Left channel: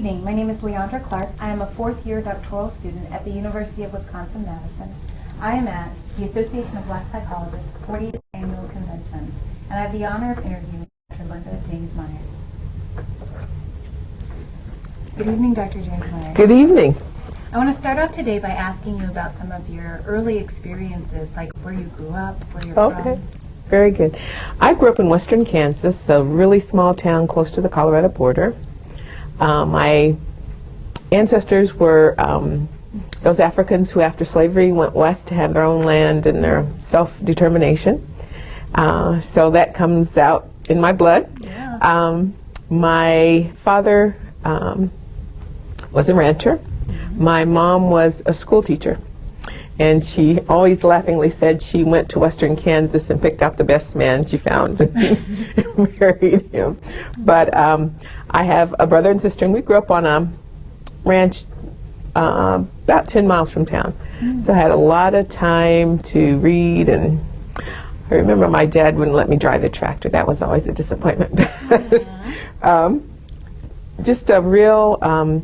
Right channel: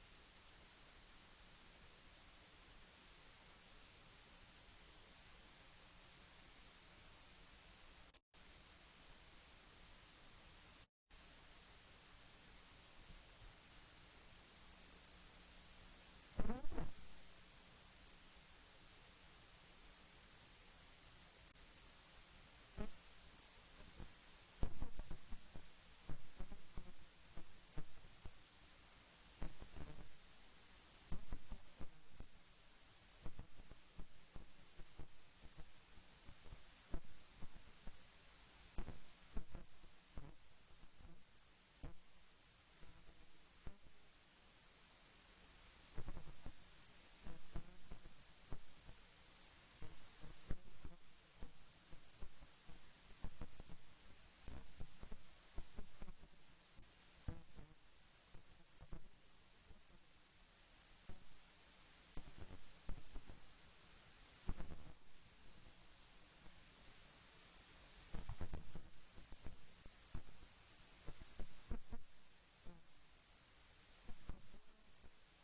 evening. My name is Leandra Clark. I am a fourth-year doctoral student at the University of Wisconsin-Madison. I am at the Association of Black Psychologists 40th Annual Convention, and I have the honor of interviewing Dr. Linda James Meyer. Good evening, Dr. James Meyer. Good evening. I want to start off today by asking you about some of your early experiences, like where you grew up, where you're from. Very good. I grew up in western Kansas, a really small town close to the Colorado border. My ancestors were those Africans who after slavery went west to have their own land and their self-determination. So that comes out in my blood. Yeah. My father was a rancher. My mom was a school teacher, and she always laughingly said she went to western Kansas and picked out the best man she found and married him. But I have a brother and sister, and we grew up on a ranch about 10 miles from town. So I had a lot of time to read, and I remember my dad wouldn't let me drive the tractor. That was always a disappointment. Just a real,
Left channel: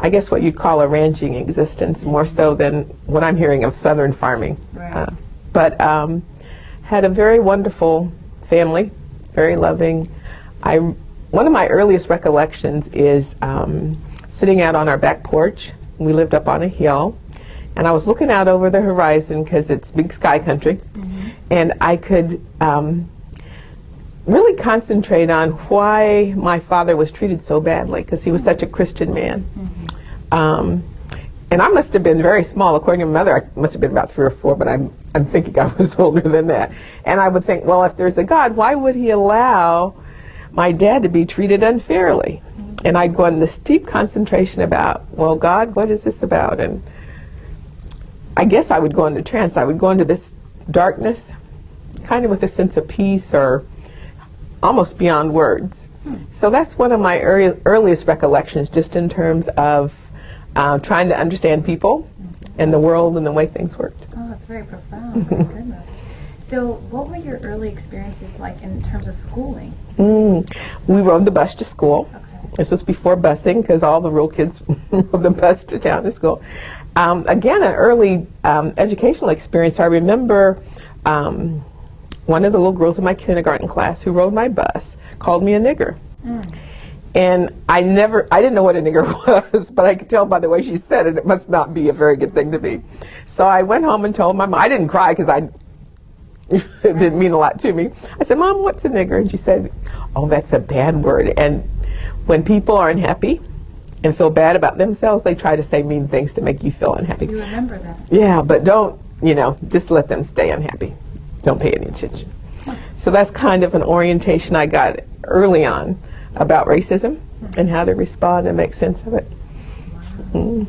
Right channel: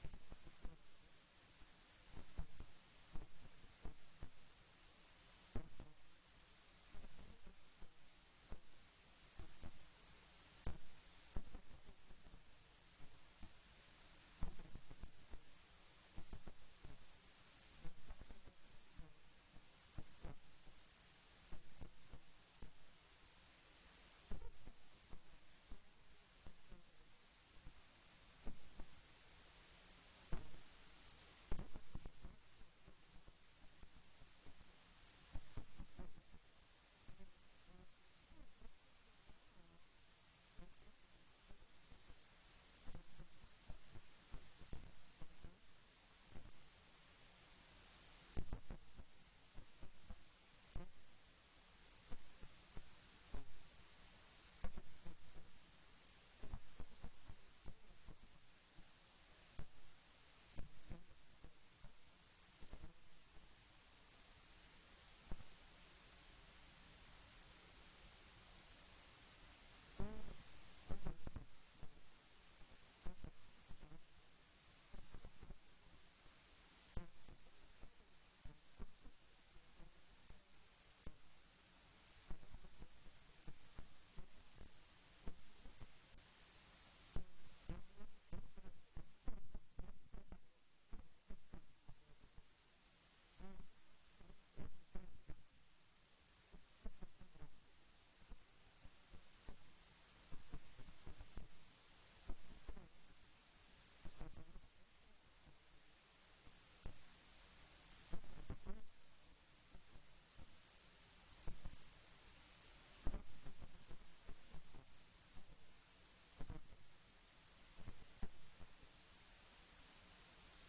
I guess what you'd call a ranching existence, more so than what I'm hearing of southern farming. Right. But had a very wonderful family, very loving. One of my earliest recollections is sitting out on our back porch. We lived up on a hill, and I was looking out over the horizon because it's big sky country, and I could really concentrate on why my father was treated so badly, because he was such a Christian man. And I must have been very small. According to my mother, I must have been about 3 or 4, but I'm thinking I was older than that. And I would think, well, if there's a God, why would he allow my dad to be treated unfairly? And I'd go in this deep concentration about, well, God, what is this about? And I guess I would go into trance. I would go into this darkness, kind of with a sense of peace or almost beyond words. So that's one of my earliest recollections, just in terms of trying to understand people and the world and the way things worked. Oh, that's very profound. My goodness. So what were your early experiences like in terms of schooling? We rode the bus to school. Okay. This was before busing, because all the rural kids rode the bus to town to school. Again, an early educational experience. I remember one of the little girls in my kindergarten class who rode my bus called me a nigger. And I didn't know what a nigger was, but I could tell by the way she said it, it must not be a very good thing to be. So I went home and told my mom. I didn't cry because it didn't mean a lot to me. I said, Mom, what's a nigger? And she said, oh, that's a bad word. And when people are unhappy and feel bad about themselves, they try to say mean things to make you feel unhappy. You remember that? Yeah, but don't, just let them stay unhappy. Don't pay any attention. So that's kind of an orientation I got early on about racism and how to respond and make sense of it. Wow.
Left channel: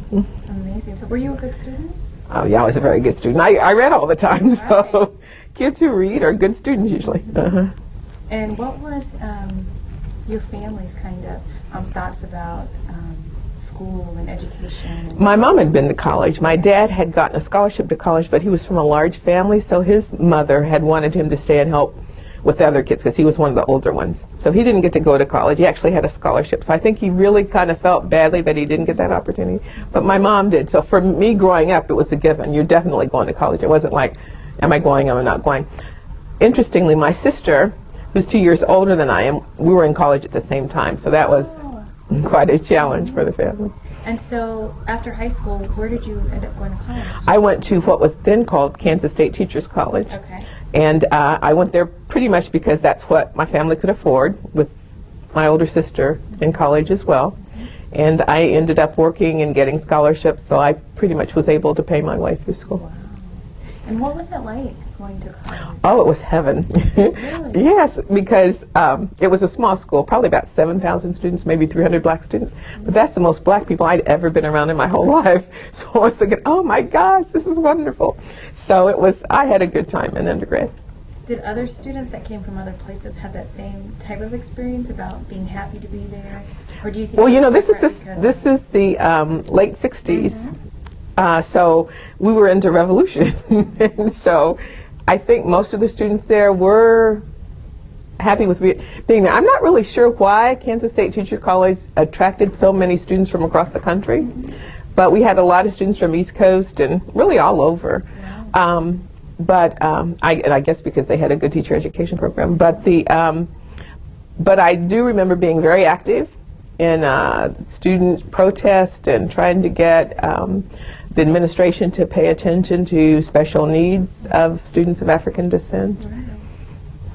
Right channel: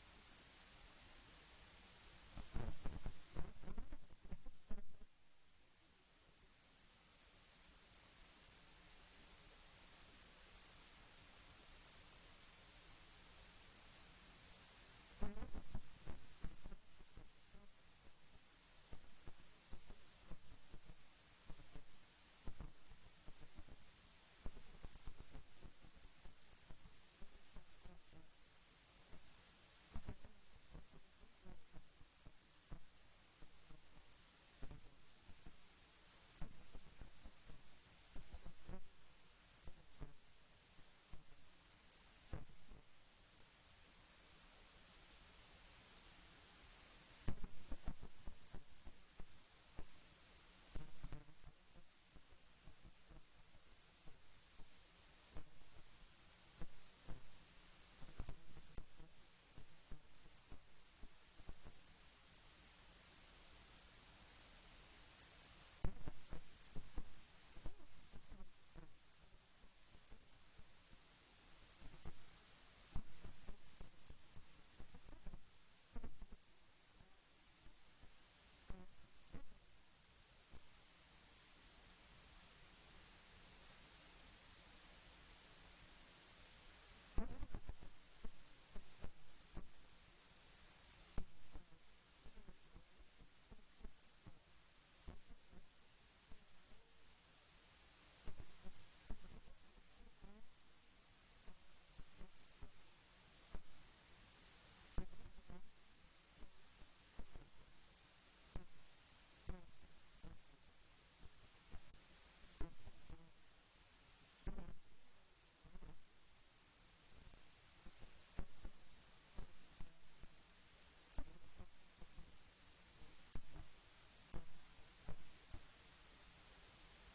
Amazing. So were you a good student? Oh yeah, I was a very good student. I read all the time, so kids who read are good students usually. And what was your family's kind of thoughts about school and education? My mom had been to college. My dad had gotten a scholarship to college, but he was from a large family, so his mother had wanted him to stay and help with the other kids because he was one of the older ones. So he didn't get to go to college. He actually had a scholarship. So I think he really kind of felt badly that he didn't get that opportunity. But my mom did. So for me growing up, it was a given. You're definitely going to college. It wasn't like, am I going, am I not going? Interestingly, my sister, who's 2 years older than I am, we were in college at the same time. So that was quite a challenge for the family. And so after high school, where did you end up going to college? I went to what was then called Kansas State Teachers College. Okay. And I went there pretty much because that's what my family could afford, with my older sister in college as well. And I ended up working and getting scholarships, so I pretty much was able to pay my way through school. Wow. And what was it like going to college? Oh, it was heaven. Really? Yes, because it was a small school, probably about 7,000 students, maybe 300 black students. But that's the most black people I'd ever been around in my whole life. So I was thinking, oh my gosh, this is wonderful. So I had a good time in undergrad. Did other students that came from other places have that same type of experience about being happy to be there? Or do you think? Well, this is the late 60s. So we were into revolution. And so I think most of the students there were happy with being there. I'm not really sure why Kansas State Teacher College attracted so many students from across the country, but we had a lot of students from East Coast and really all over. Wow. I guess because they had a good teacher education program. But I do remember being very active in student protest and trying to get the administration to pay attention to special needs of students of African descent. Right.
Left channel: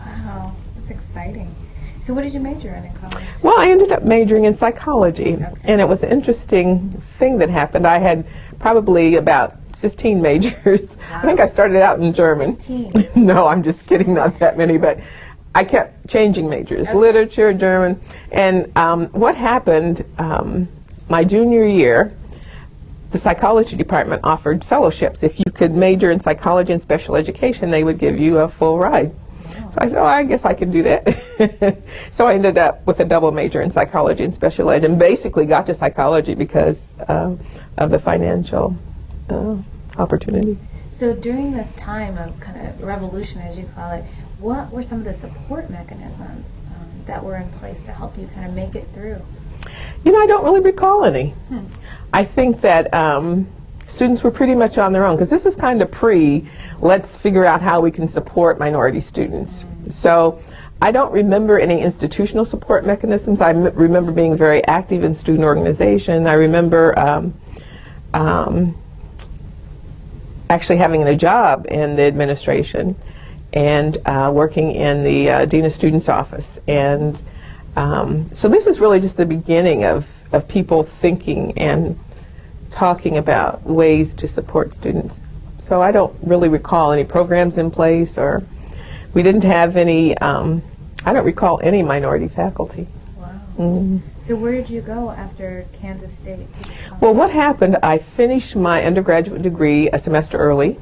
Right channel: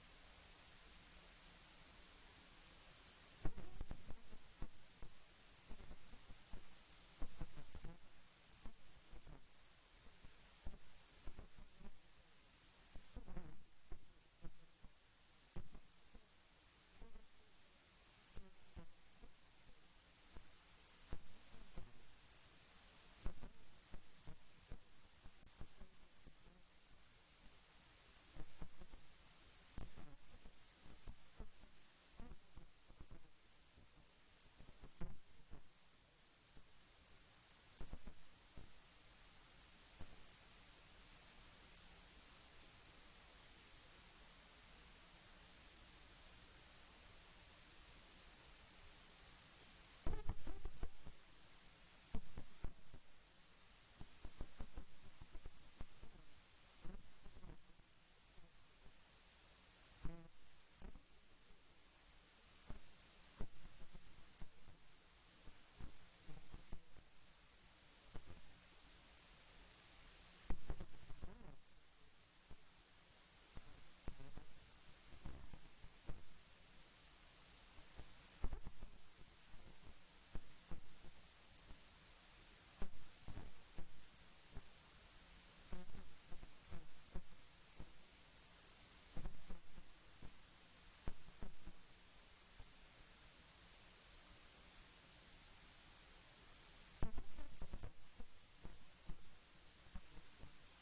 Wow, that's exciting. So what did you major in college? Well, I ended up majoring in psychology, Okay. and it was an interesting thing that happened. I had probably about 15 majors. Wow. I think I started out in German. 15. No, I'm just kidding, not that many, but I kept changing majors, Okay. literature, German. And what happened my junior year, the psychology department offered fellowships. If you could major in psychology and special education, they would give you a full ride. So I said, oh, I guess I can do that. So I ended up with a double major in psychology and special ed, and basically got to psychology because of the financial opportunity. So during this time of kind of revolution, as you call it, what were some of the support mechanisms that were in place to help you kind of make it through? You know, I don't really recall any. I think that students were pretty much on their own, because this is kind of let's figure out how we can support minority students. So I don't remember any institutional support mechanisms. I remember being very active in student organization. I remember actually having a job in the administration and working in the Dean of Students office. And so this is really just the beginning of people thinking and talking about ways to support students. So I don't really recall any programs in place, or we didn't have any, I don't recall any minority faculty. Wow. Mm. So where did you go after Kansas State? Well, what happened, I finished my undergraduate degree a semester early,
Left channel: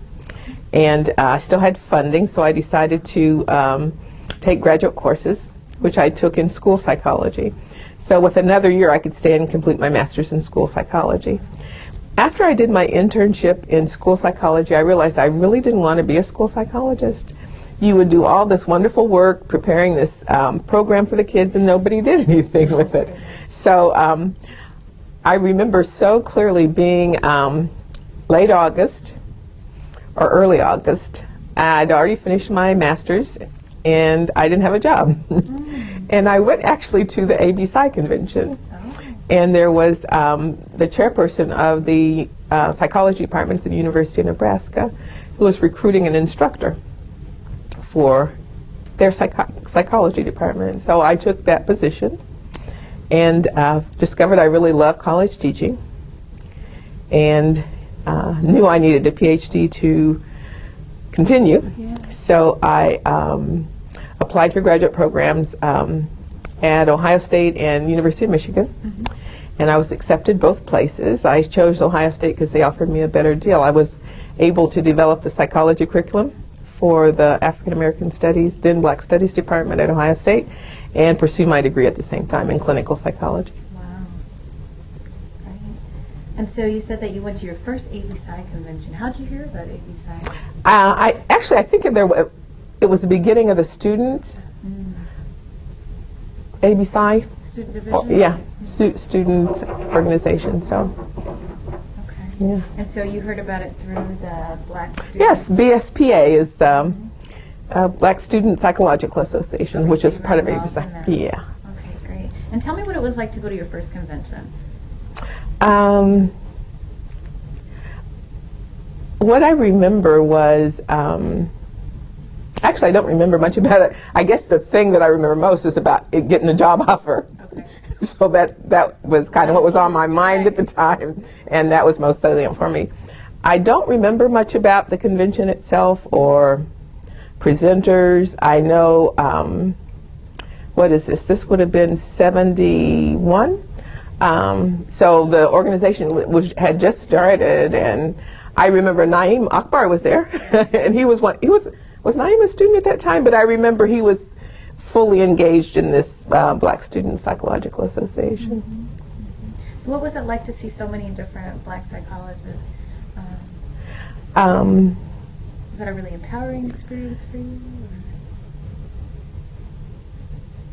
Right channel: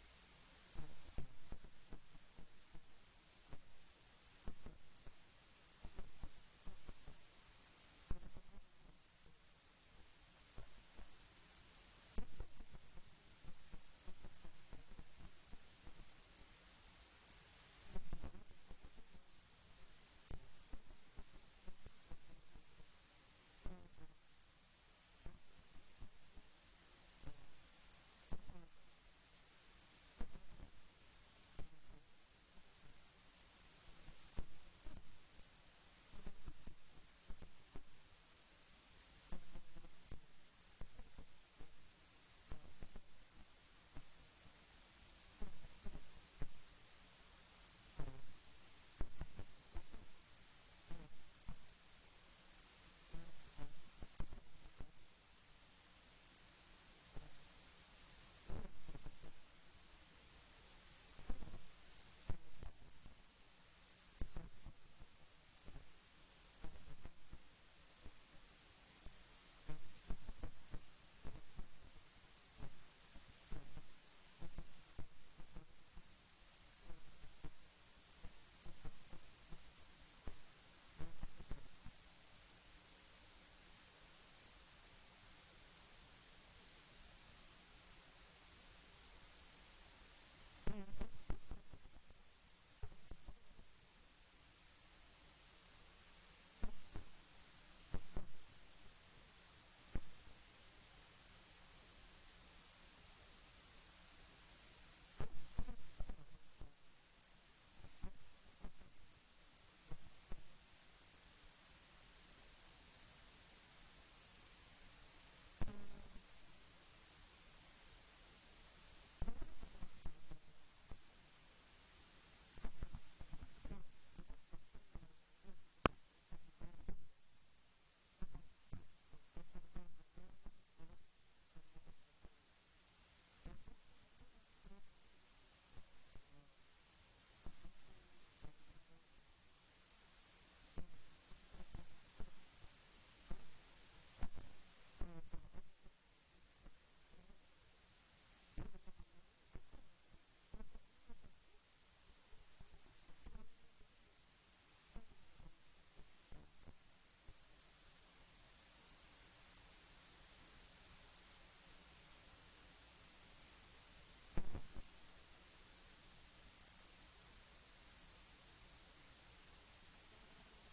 and I still had funding, so I decided to take graduate courses, which I took in school psychology. So with another year, I could stay and complete my master's in school psychology. After I did my internship in school psychology, I realized I really didn't want to be a school psychologist. You would do all this wonderful work preparing this program for the kids, and nobody did anything with it. So I remember so clearly being late August or early August. I'd already finished my master's, and I didn't have a job. And I went actually to the AB Psy convention. And there was the chairperson of the psychology department at the University of Nebraska, who was recruiting an instructor for their psychology department. So I took that position and discovered I really loved college teaching, and knew I needed a PhD to continue. Yeah. So I applied for graduate programs at Ohio State and University of Michigan. And I was accepted both places. I chose Ohio State because they offered me a better deal. I was able to develop the psychology curriculum for the African American Studies, then Black Studies department at Ohio State, and pursue my degree at the same time in clinical psychology. Wow. Right. And so you said that you went to your first AB Psy convention. How did you hear about AB Psy? I think it was the beginning of the student AB Psy. Student division? Yeah, student organization. So, Okay. yeah. And so you heard about it through the Black Student? Yes, BSPA is the Black Student Psychological Association, which is part of involved ABC. in that. Yeah. Okay, great. And tell me what it was like to go to your first convention. What I remember was, actually I don't remember much about it. I guess the thing that I remember most is about getting a job offer. Okay. So that was kind of what was on my mind at the time, and that was most salient for me. I don't remember much about the convention itself or presenters. I know, what is this? This would have been 71. So the organization had just started, and I remember Naeem Akbar was there, and was Naeem a student at that time? But I remember he was fully engaged in this Black Student Psychological Association. So what was it like to see so many different Black psychologists? Was that a really empowering experience for you?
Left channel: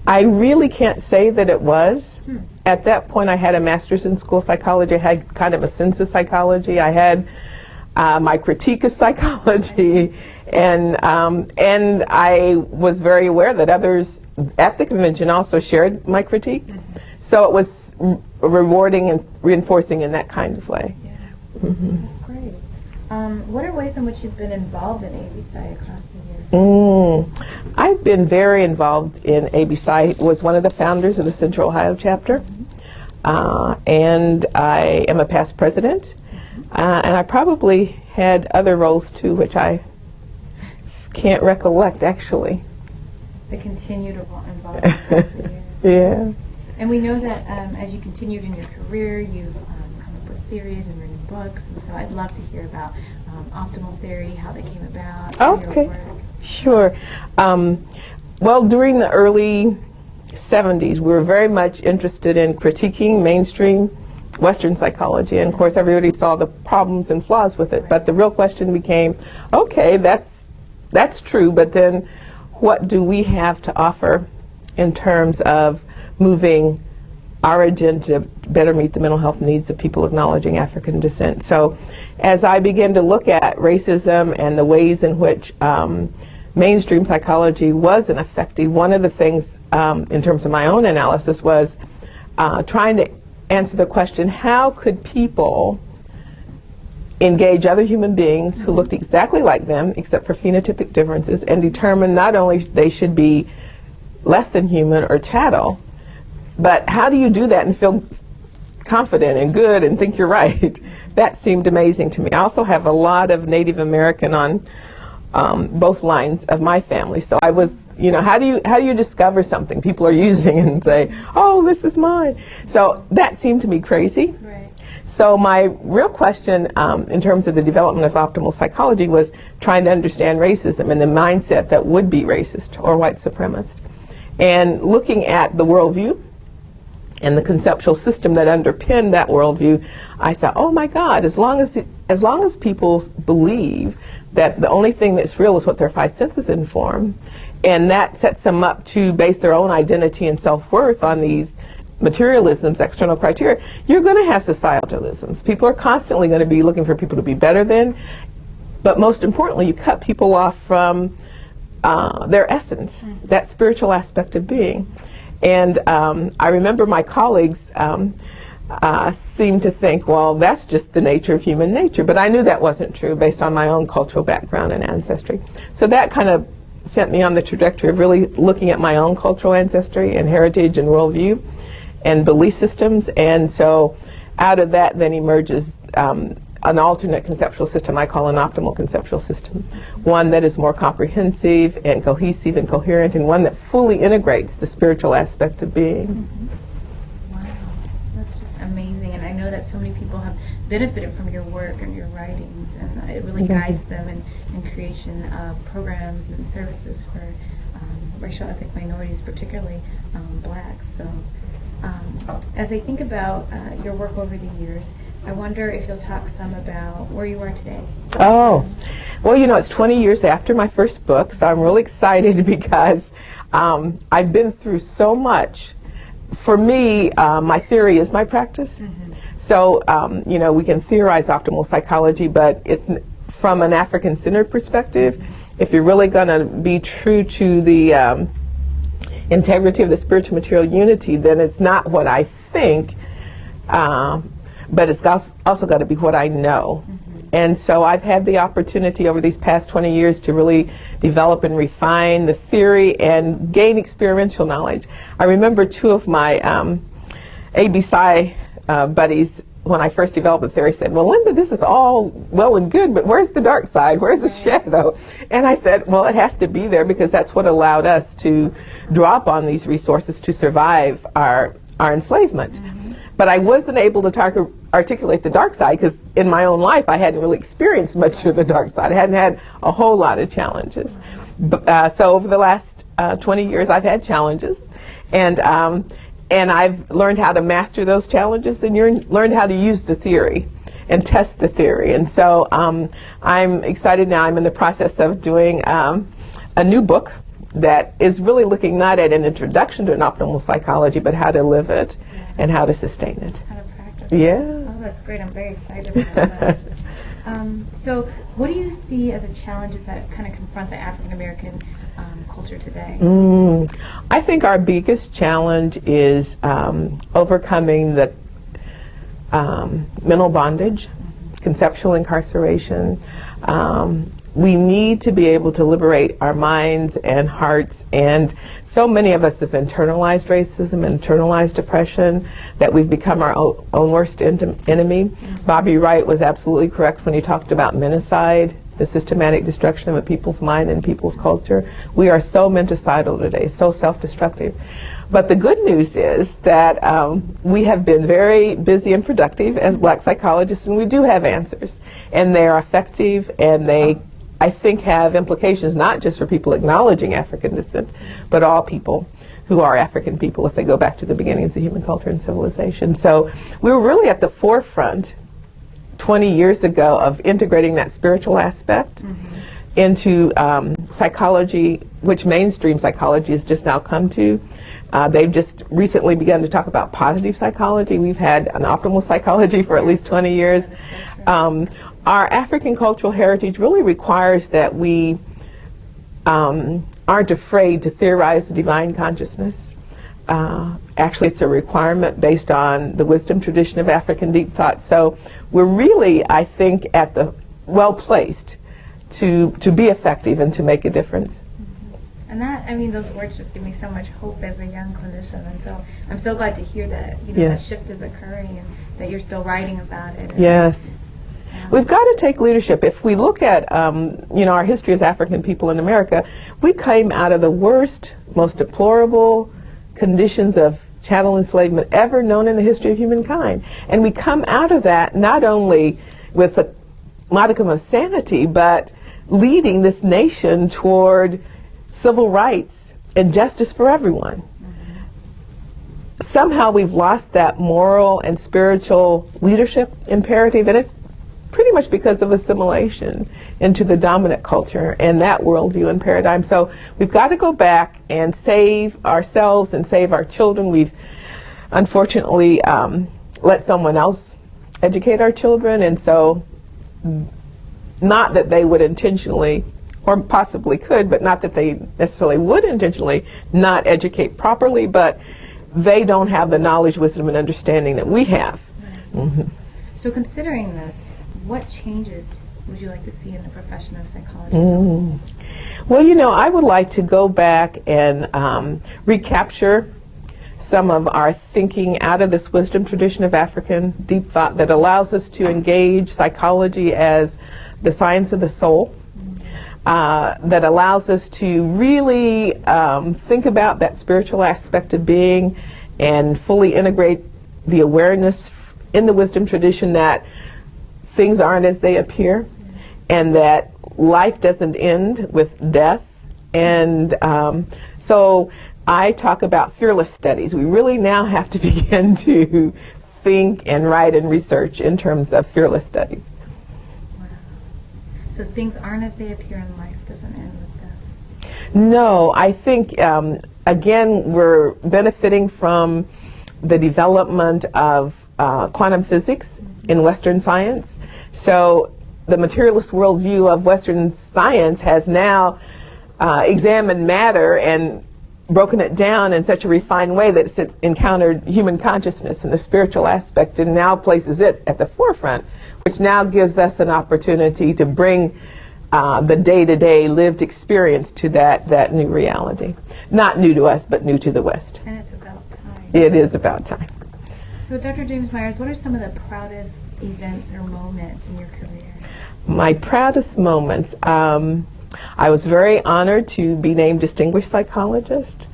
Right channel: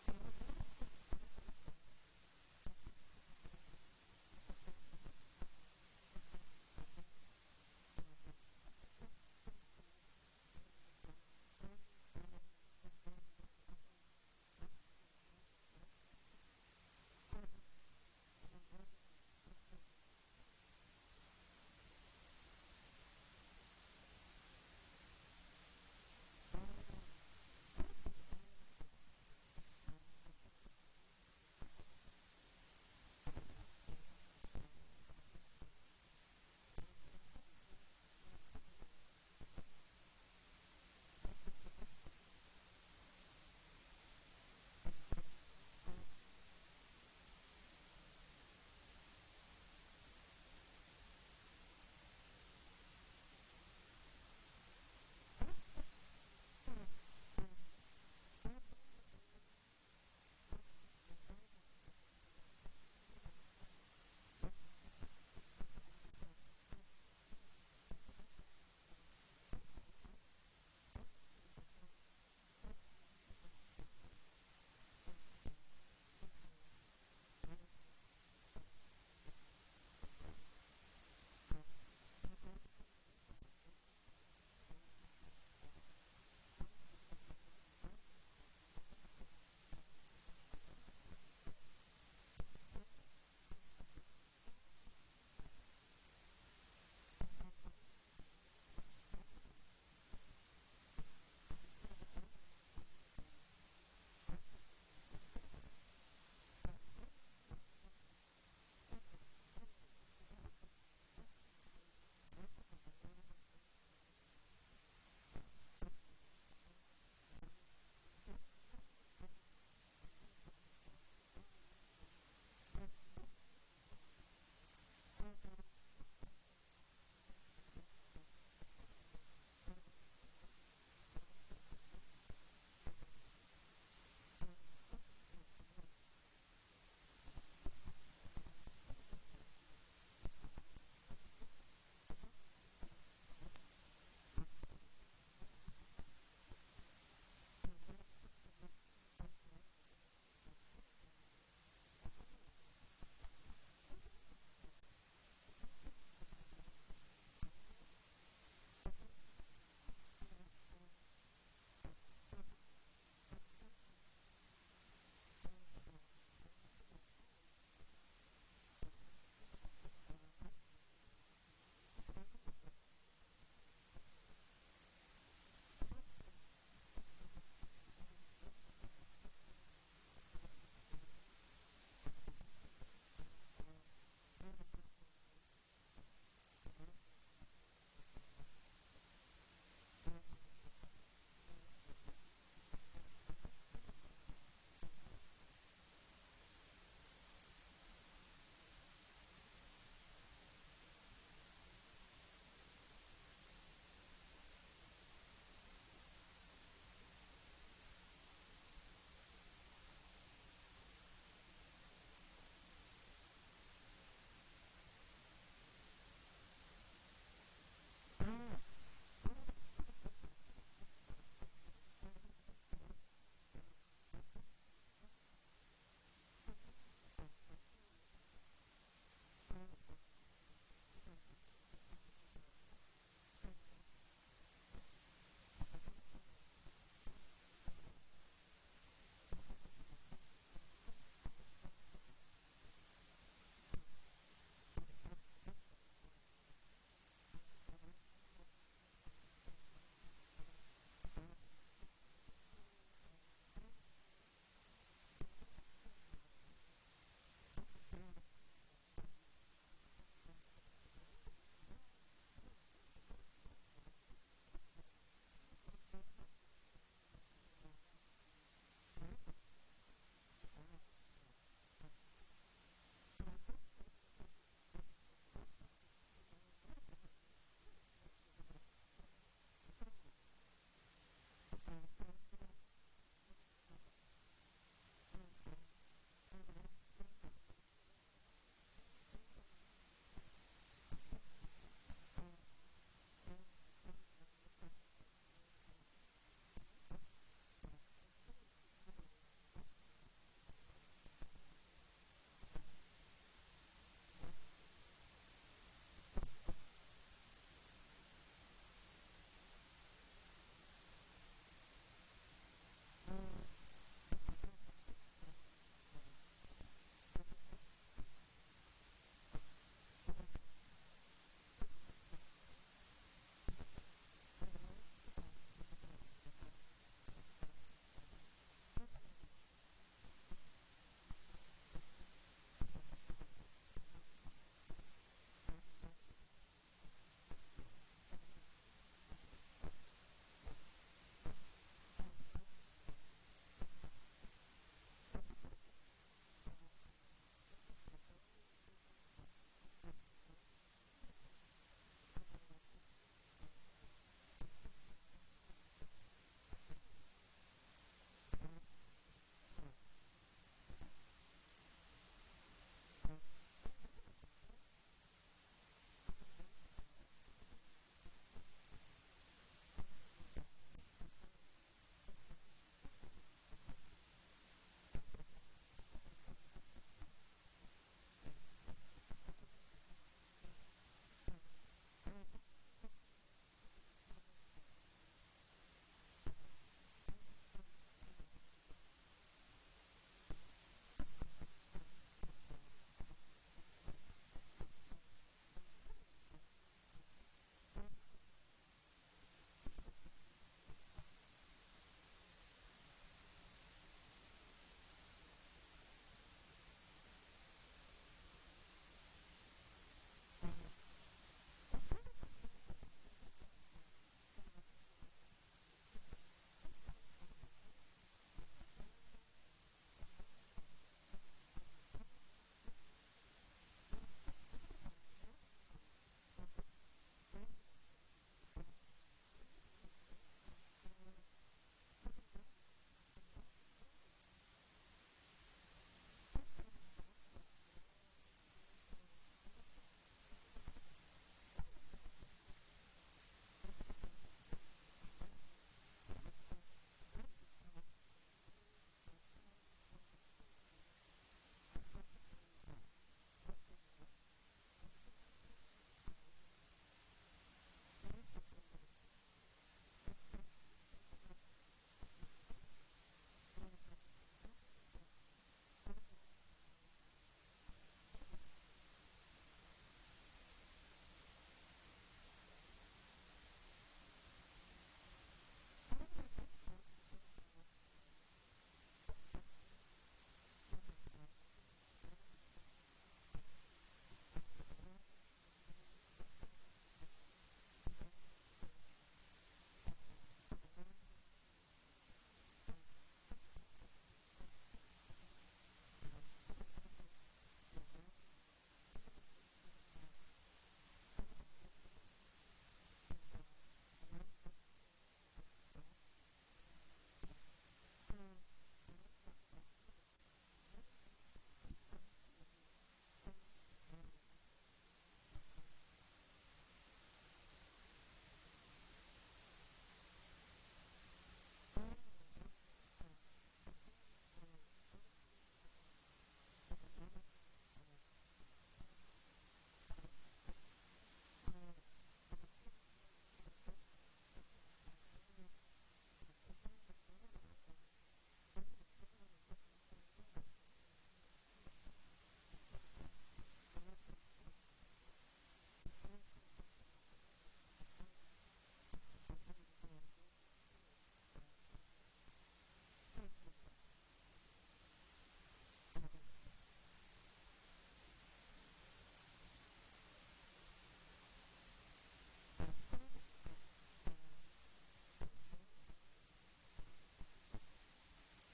I really can't say that it was. At that point, I had a master's in school psychology. I had kind of a sense of psychology. I had my critique of psychology, and I was very aware that others at the convention also shared my critique. So it was rewarding and reinforcing in that kind of way. Yeah. Great. What are ways in which you've been involved in ABSI across the years? I've been very involved in ABSI. Was one of the founders of the Central Ohio chapter, and I am a past president, and I probably had other roles too, which I can't recollect actually. The continued involvement across the years. Yeah. And we know that as you continued in your career, you've come up with theories and written books, and so I'd love to hear about optimal theory, how they came about, Okay. your work. Sure. Well, during the early 70s, we were very much interested in critiquing mainstream Western psychology, and of course everybody saw the problems and flaws with it, but the real question became, okay, that's true, but then what do we have to offer in terms of moving our agenda to better meet the mental health needs of people acknowledging African descent? So as I began to look at racism and the ways in which mainstream psychology wasn't effective, one of the things in terms of my own analysis was trying to answer the question, how could people engage other human beings who looked exactly like them except for phenotypic differences and determine not only they should be less than human or chattel, but how do you do that and feel confident and good and think you're right? That seemed amazing to me. I also have a lot of Native American on both lines of my family, so I was, how do you discover something people are using and say, oh, this is mine? So that seemed to me crazy. Right. So my real question in terms of the development of optimal psychology was trying to understand racism and the mindset that would be racist or white supremacist, and looking at the worldview and the conceptual system that underpinned that worldview. I said, oh my God, as long as people believe that the only thing that's real is what their five senses inform, and that sets them up to base their own identity and self-worth on these materialisms, external criteria, you're going to have societalisms. People are constantly going to be looking for people to be better than, but most importantly, you cut people off from their essence, that spiritual aspect of being. And I remember my colleagues seemed to think, well, that's just the nature of human nature. But I knew that wasn't true based on my own cultural background and ancestry. So that kind of sent me on the trajectory of really looking at my own cultural ancestry and heritage and worldview and belief systems. And so out of that then emerges an alternate conceptual system I call an optimal conceptual system, one that is more comprehensive and cohesive and coherent, and one that fully integrates the spiritual aspect of being. Wow, that's just amazing. And I know that so many people have benefited from your work and your writings, and it really guides them in creation of programs and services for racial ethnic minorities, particularly blacks. So as I think about your work over the years, I wonder if you'll talk some about where you are today. Oh, well, it's 20 years after my first book, so I'm really excited because I've been through so much. For me, my theory is my practice. So, we can theorize optimal psychology, but it's from an African-centered perspective. If you're really going to be true to the integrity of the spiritual material unity, then it's not what I think, but it's also got to be what I know. And so I've had the opportunity over these past 20 years to really develop and refine the theory and gain experiential knowledge. I remember two of my ABSI buddies, when I first developed the theory, said, well, Linda, this is all well and good, but where's the dark side? Where's the shadow? And I said, well, it has to be there because that's what allowed us to draw upon these resources to survive our enslavement. But I wasn't able to articulate the dark side because in my own life I hadn't really experienced much of the dark side. I hadn't had a whole lot of challenges. So over the last 20 years I've had challenges, and I've learned how to master those challenges, and learned how to use the theory and test the theory. And so I'm excited now. I'm in the process of doing a new book that is really looking not at an introduction to an optimal psychology, but how to live it and how to sustain it. How to practice. Yeah. Oh, that's great. I'm very excited about that. So what do you see as the challenges that kind of confront the African American culture today? I think our biggest challenge is overcoming the mental bondage, conceptual incarceration. We need to be able to liberate our minds and hearts, and so many of us have internalized racism, internalized depression, that we've become our own worst enemy. Bobby Wright was absolutely correct when he talked about menticide, the systematic destruction of a people's mind and people's culture. We are so menticidal today, so self-destructive. But the good news is that we have been very busy and productive as Black psychologists, and we do have answers. And they are effective, and they, I think, have implications not just for people acknowledging African descent, but all people who are African people if they go back to the beginnings of human culture and civilization. So we were really at the forefront 20 years ago of integrating that spiritual aspect into psychology, which mainstream psychology has just now come to. They've just recently begun to talk about positive psychology. We've had an optimal psychology for at least 20 years. Our African cultural heritage really requires that we aren't afraid to theorize the divine consciousness. Actually, it's a requirement based on the wisdom tradition of African deep thought. So we're really, I think, at the well-placed to be effective and to make a difference. And that, I mean, those words just give me so much hope as a young clinician, and so I'm so glad to hear that, you know, that shift is occurring and that you're still writing about it. Yes. We've got to take leadership. If we look at, you know, our history as African people in America, we came out of the worst, most deplorable conditions of chattel enslavement ever known in the history of humankind. And we come out of that not only with a modicum of sanity, but leading this nation toward civil rights and justice for everyone. Somehow we've lost that moral and spiritual leadership imperative, and it's pretty much because of assimilation into the dominant culture and that worldview and paradigm. So we've got to go back and save ourselves and save our children. We've unfortunately let someone else educate our children, and so not that they would intentionally, or possibly could, but not that they necessarily would intentionally not educate properly, but they don't have the knowledge, wisdom, and understanding that we have. So considering this, what changes would you like to see in the profession of psychology? Well, you know, I would like to go back and recapture some of our thinking out of this wisdom tradition of African deep thought that allows us to engage psychology as the science of the soul, that allows us to really think about that spiritual aspect of being and fully integrate the awareness in the wisdom tradition that things aren't as they appear, and that life doesn't end with death. And so I talk about fearless studies. We really now have to begin to think and write and research in terms of fearless studies. Wow. So things aren't as they appear in life, doesn't end with death. No, I think, again, we're benefiting from the development of quantum physics in Western science. So the materialist worldview of Western science has now examined matter and broken it down in such a refined way that it's encountered human consciousness and the spiritual aspect, and now places it at the forefront, which now gives us an opportunity to bring the day-to-day lived experience to that new reality. Not new to us, but new to the West. And it's about time. It is about time. So Dr. James Myers, what are some of the proudest events or moments in your career? My proudest moments, I was very honored to be named Distinguished Psychologist.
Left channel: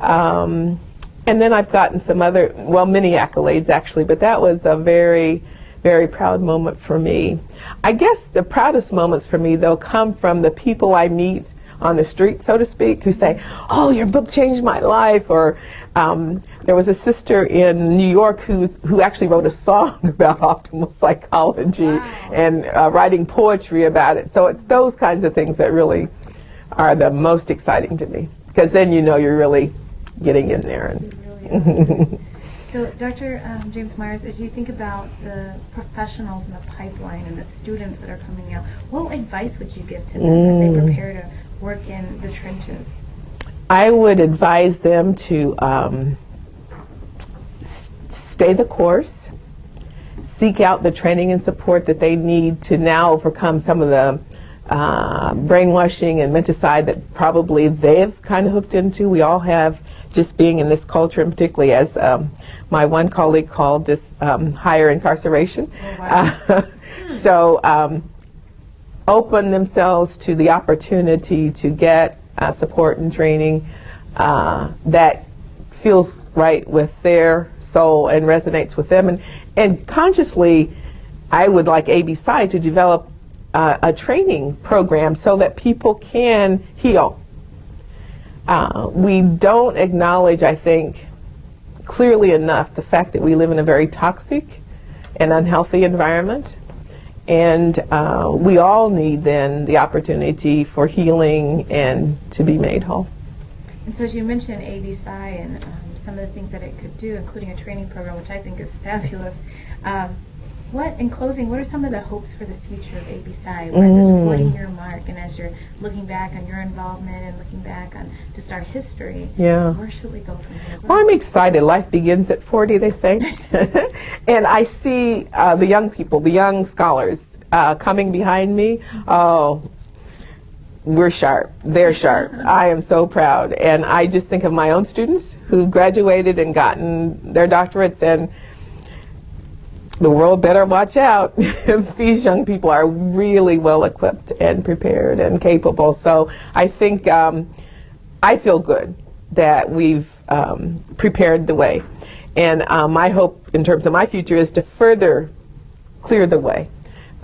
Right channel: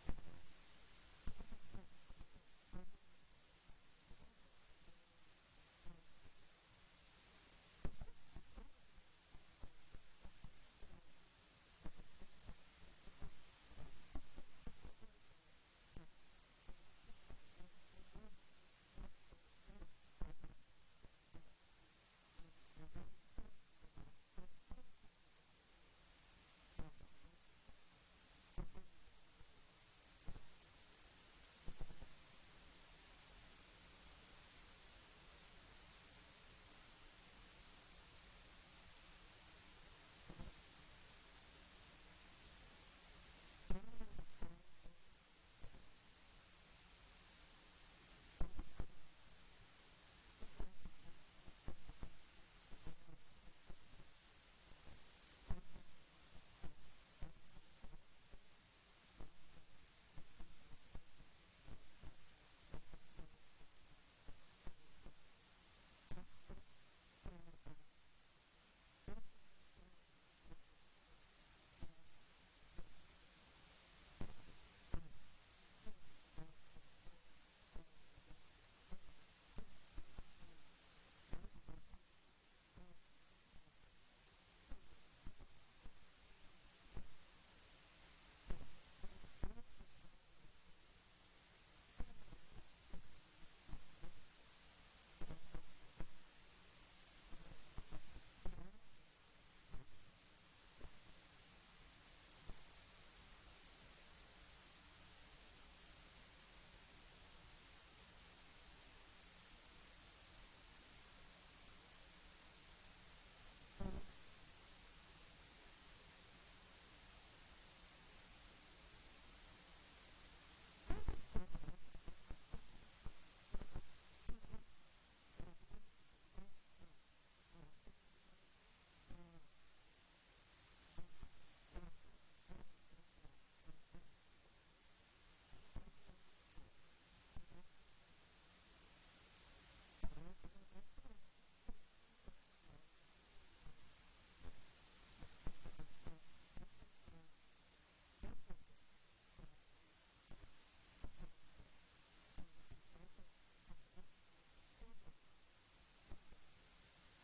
And then I've gotten some other, well, many accolades actually, but that was a very, very proud moment for me. I guess the proudest moments for me, though, come from the people I meet on the street, so to speak, who say, "Oh, your book changed my life," or there was a sister in New York who actually wrote a song about optimal psychology and writing poetry about it. So it's those kinds of things that really are the most exciting to me. because then you know you're really getting in there. And Really so, Dr. James Myers, as you think about the professionals in the pipeline and the students that are coming out, what advice would you give to them as they prepare to work in the trenches? I would advise them to stay the course, seek out the training and support that they need to now overcome some of the brainwashing and menticide that probably they've kind of hooked into. We all have, just being in this culture, and particularly as my one colleague called this higher incarceration. Oh, wow. So open themselves to the opportunity to get support and training that feels right with their soul and resonates with them. And consciously, I would like ABSI to develop a training program so that people can heal. We don't acknowledge, I think, clearly enough the fact that we live in a very toxic and unhealthy environment. And we all need then the opportunity for healing and to be made whole. And so as you mentioned ABSI and some of the things that it could do, including a training program, which I think is fabulous, in closing, what are some of the hopes for the future of ABSI? We're at this 40-year mark, and as you're looking back on your involvement and looking back on just our history, where should we go from here? Well, I'm excited. Life begins at 40, they say. And I see the young people, the young scholars coming behind me. Oh, we're sharp. They're sharp. I am so proud. And I just think of my own students who graduated and gotten their doctorates, and the world better watch out. These young people are really well equipped and prepared and capable. So I think I feel good that we've prepared the way. And my hope in terms of my future is to further clear the way.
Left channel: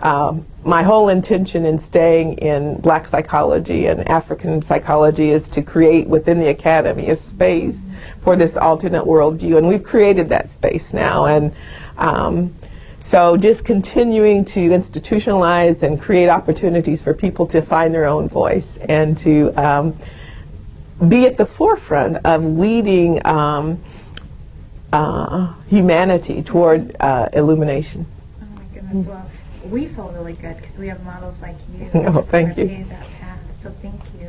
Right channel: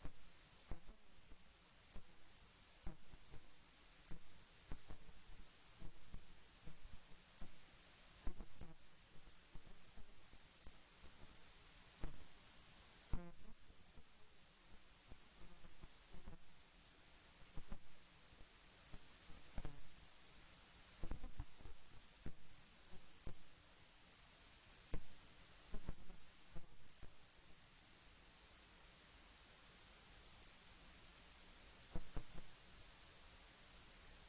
My whole intention in staying in Black psychology and African psychology is to create within the academy a space for this alternate worldview, and we've created that space now. And so just continuing to institutionalize and create opportunities for people to find their own voice and to be at the forefront of leading humanity toward illumination. Oh my goodness, well, we feel really good because we have models like you. Oh, thank you. Pave that path. So thank you.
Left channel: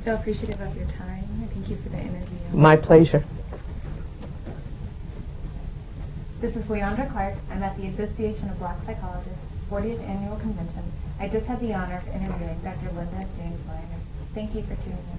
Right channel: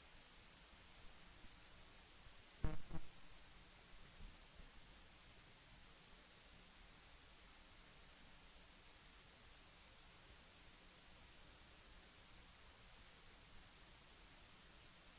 So appreciative of your time. Thank you for the interview. My pleasure. This is Leandra Clark. I'm at the Association of Black Psychologists 40th Annual Convention. I just had the honor of interviewing Dr. Linda James Myers. Thank you for tuning in.